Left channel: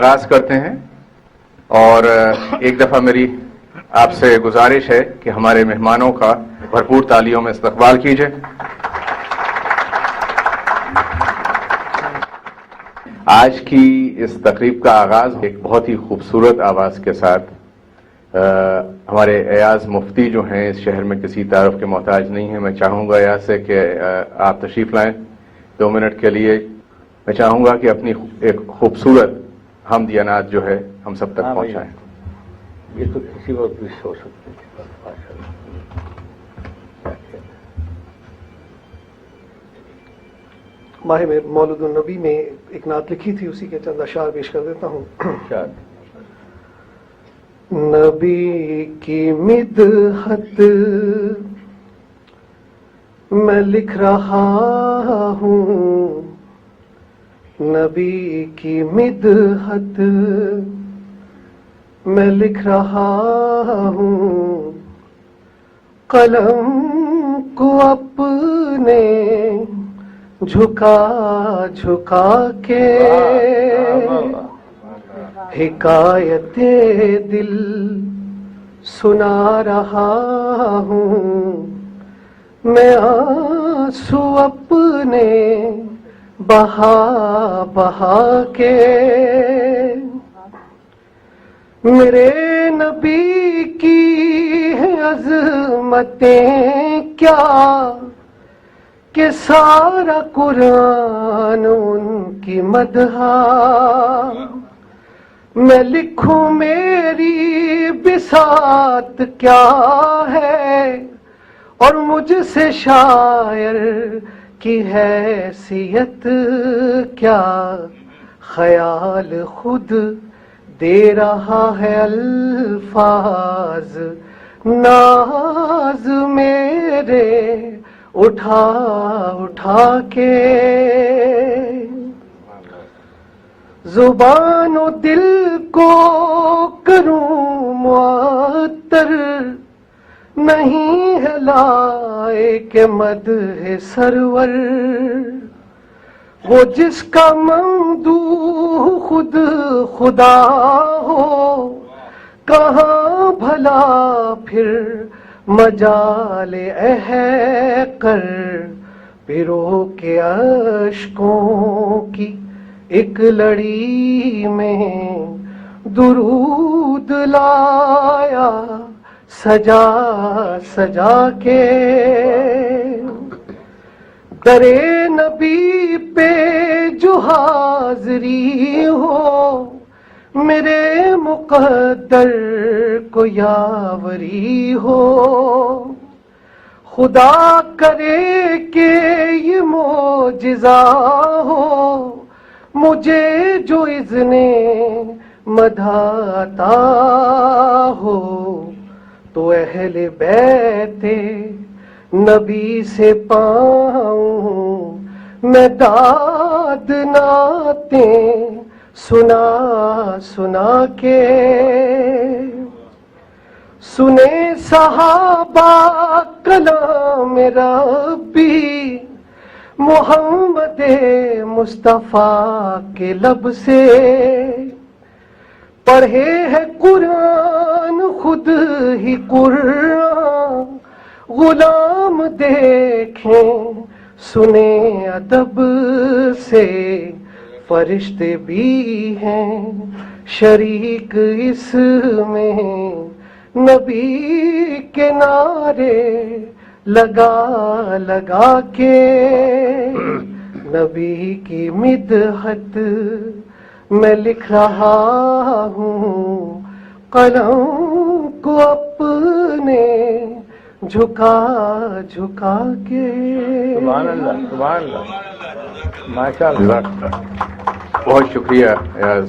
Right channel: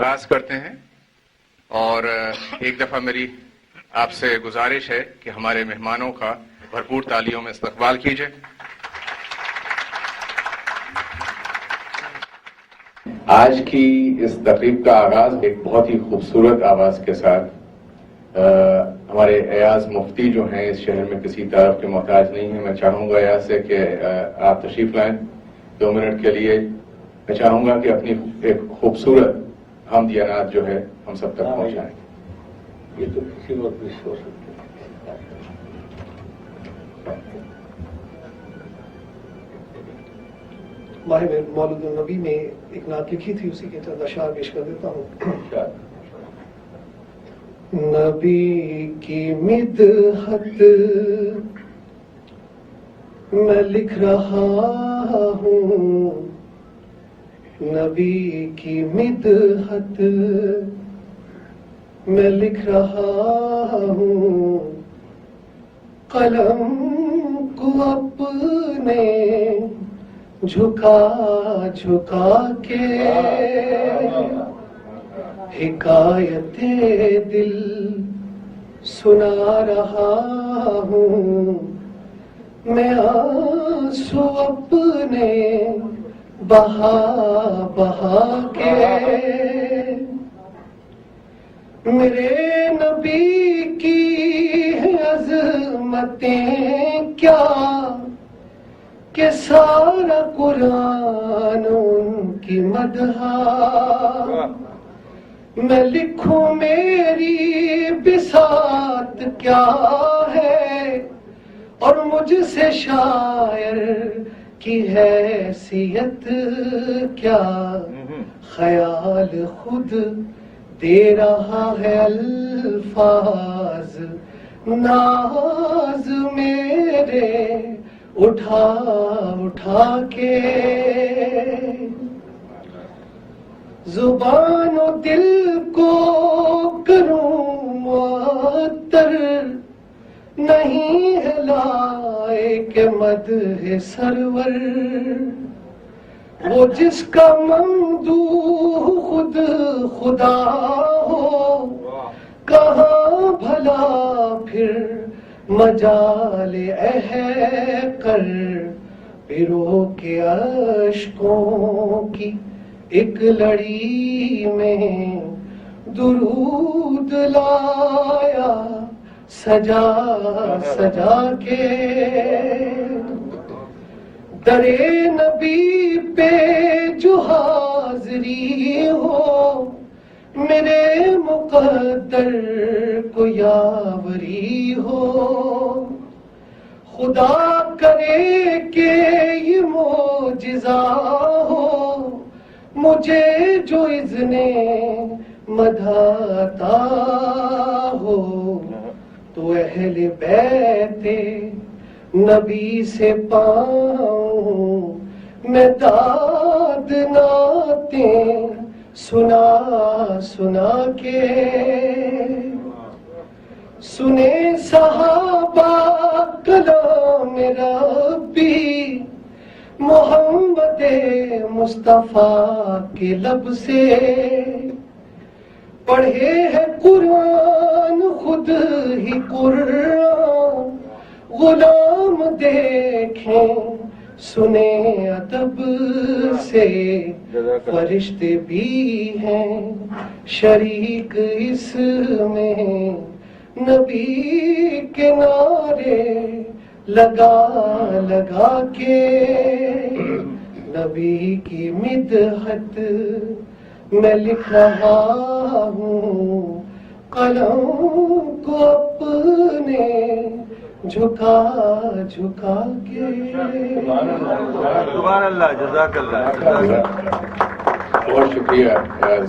آغاز کرتے ہیں اور ایک دفعہ میری آپ سے گزارش ہے کہ ہمارے مہمانوں کا بھرپور تالیوں میں استقبال کیجیے. آج کی اس تقریب کا آغاز ایک بہت ہی خوبصورت آواز کے ساتھ ہمارے ایاز مفتی جو ہیں اس شہر میں کسی تعارف کے محتاج نہیں ہیں. میں چاہوں گا ایاز سے کہ آپ تشریف لائیں 2 منٹ کے لیے. میں چاہوں گا کہ اپنی ایک خوبصورت حمدیانات جو ہے ہم سب تک پہنچائیں. یہ تو کسی وقت بھی ہو سکتی ہے. ماہ مولد النبی میں ایک نعت لکھی تھی، اسی کے چند اشعار پیش کر دیتا ہوں. نبی کی مدحت میں لکھ رہا ہوں، نبی کی مدحت میں لکھ رہا ہوں. قلم کو اپنے جھکا جھکا کے حکایت دل سنا رہا ہوں. میں آنسو اپنے بہا بہا کے میرے نبی کی عظمتیں کیا کہ سارا قرآن ان کی مدح. میں لکھوں میری بساط کیا ہے اور مجھ سے شاعر کی حیثیت کیا. خیال خود دے رہا ہے الفاظ، ناز میرے اٹھا اٹھا کے. زبان و دل کو کروں معطر، نہیں ہے لائق مدح سرور. وہ جس کا ممدوح خود خدا ہو، کہاں بھلا پھر مجال کر. پیرو کے اشکوں کی ایک لڑی میں درود لایا سجا سجا کے. درے نبی پہ جو حاضری ہو، میرے مقدر کو یاوری ہو. خدا کرے کہ یہ معجزہ ہو، مجھے جو اذن مدح عطا ہو. تو اہل بیت نبی سے پاؤں میں داد نعتیں سنا سنا کے. سنے صحابہ کلام ربی محمد مصطفیٰ کے لب سے. پڑھے ہے قرآن خود ہی قرآن، غلام دیکھیں سنے ادب سے. فرشتے بھی ہیں شریک اس میں، نبی کے نعرے لگا لگا کے. نبی کی مدحت میں لکھ رہا ہوں، قلم کو اپنے جھکا جھکا کے. سبحان اللہ، جزاک اللہ. بہت شکریہ ایاز.